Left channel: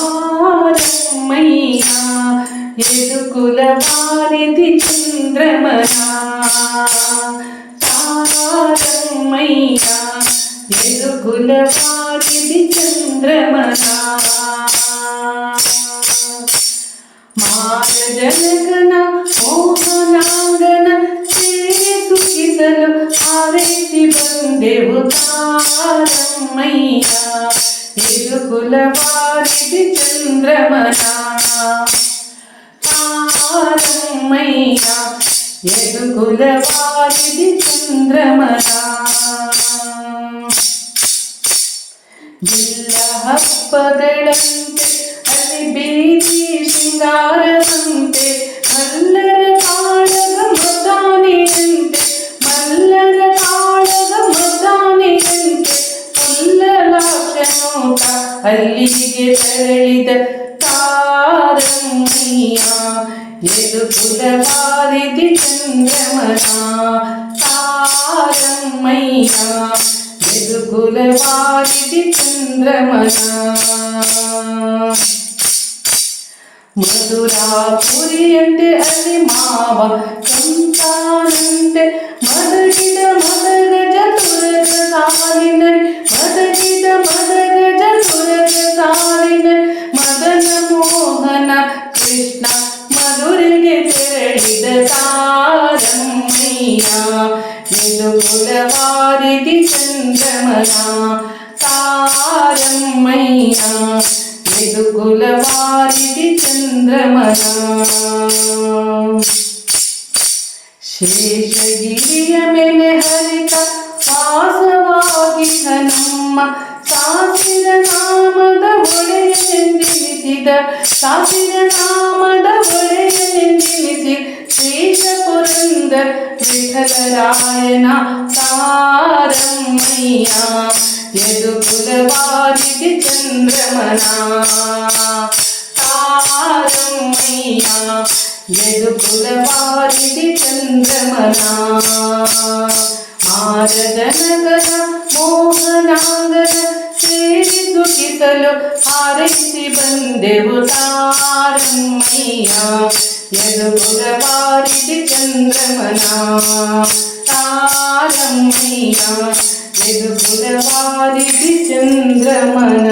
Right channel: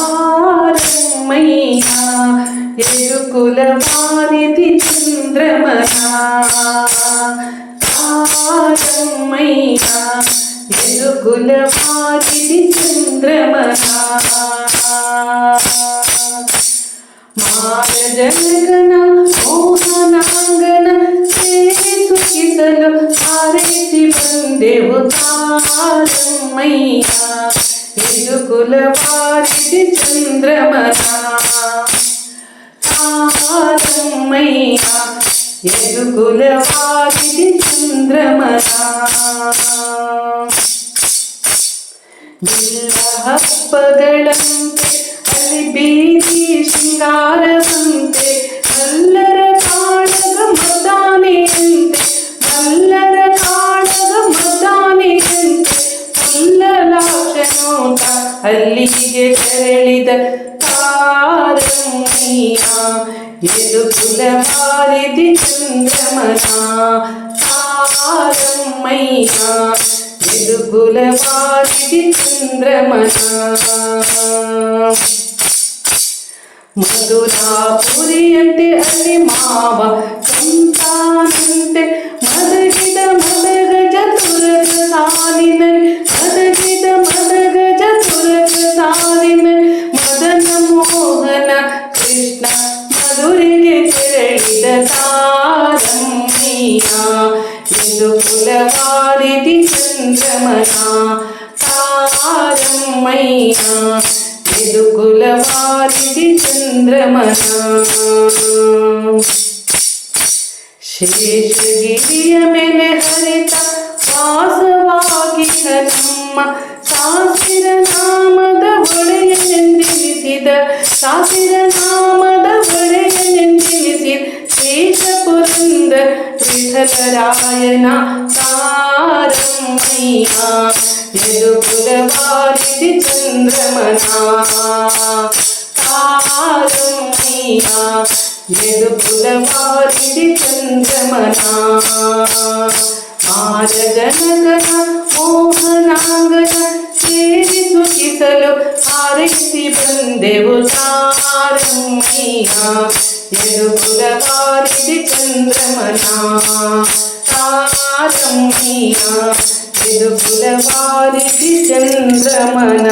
ತಾರಮ್ಮಯ್ಯ ಯದುಕುಲ ವಾರಿಧಿ ಚಂದ್ರಮನ ತಾರಮ್ಮಯ್ಯ ಯದುಕುಲ ವಾರಿಧಿ ಚಂದ್ರಮನ ಮಾರಜನಕನ ಮೋಹನಾಂಗನ ಸೇವೆ ಸುಖಿಸಲು ಹಾರೈಸಿ ಬಂದೆವು ತಾರಮ್ಮಯ್ಯ ಯದುಕುಲ ವಾರಿಧಿ ಚಂದ್ರಮನ ತಾರಮ್ಮಯ್ಯ ಯದುಕುಲ ವಾರಿಧಿ ಚಂದ್ರಮನ ಬಿಲ್ಲ ಹಬ್ಬಗಳಂತೆ ಅಲ್ಲಿ ಬೀದಿ ಶೃಂಗಾರವಂತೆ ಮಲ್ಲರ ಕಾಳಗ ಮದ್ದಾನೆಯಂತೆ ಮಲ್ಲರ ಕಾಳಗ ಮದ್ದಾನೆಯಂತೆ ಉಲ್ಲಲಾಶನೋಟ ಅಲ್ಲಿಗೆ ತೆರಳಿದ ತಾರಮ್ಮಯ್ಯ ಯದುಕುಲ ವಾರಿಧಿ ಚಂದ್ರಮನ ತಾರಮ್ಮಯ್ಯ ಯದುಕುಲ ವಾರಿಧಿ ಚಂದ್ರಮನ ಮಧುರಾಪುರಿಯಂತೆ ಅಲ್ಲಿ ಮಾವ ಸಂತಾನಂತೆ ಮದಗಿದ ಮದಗಜ ತುರಗ ಸಾಲಿನಲ್ಲಿ ಮದಗಿದ ಮದಗಜ ತುರಗ ಸಾಲಿನಲ್ಲಿ ಮದನ ಮೋಹನ ಕೃಷ್ಣ ಮಧುರೆಗೆ ತೆರಳಿದ ತಾರಮ್ಮಯ್ಯ ಯದುಕುಲ ವಾರಿಧಿ ಚಂದ್ರಮನ ತಾರಮ್ಮಯ್ಯ ಯದುಕುಲ ವಾರಿಧಿ ಚಂದ್ರಮನ ಶೇಷಗಿರಿಯ ಮೇಲೆ ಹರಿತ ವಾಸವಾಗಿದ್ದ ನಮ್ಮ ಸಾಸಿರ ನಾಮದ ಒಡೆಯನೆಂದೆನಿಸಿದ ಸಾಸಿರ ನಾಮದ ಒಡೆಯನೆಂದೆನಿಸಿದ ಶ್ರೇಷ ಪುರಂದರ ವಿಠಲರಾಯನ ತಾರಮ್ಮಯ್ಯ ಯದುಕುಲ ವಾರಿಧಿ ಚಂದ್ರಮನ ತಾರಮ್ಮಯ್ಯ ಯದುಕುಲ ವಾರಿಧಿ ಚಂದ್ರಮನ ಮಾರಜನಕನ ಮೋಹನಾಂಗನ ಸೇರಿ ಸುಖಿಸಲು ಹಾರೈಸಿ ಬಂದೆವು ತಾರಮ್ಮಯ್ಯ ಯದುಕುಲ ವಾರಿಧಿ ಚಂದ್ರಮನ ತಾರಮ್ಮಯ್ಯ ಯದುಕುಲ ವಾರಿಧಿ ಚಂದ್ರಮನ.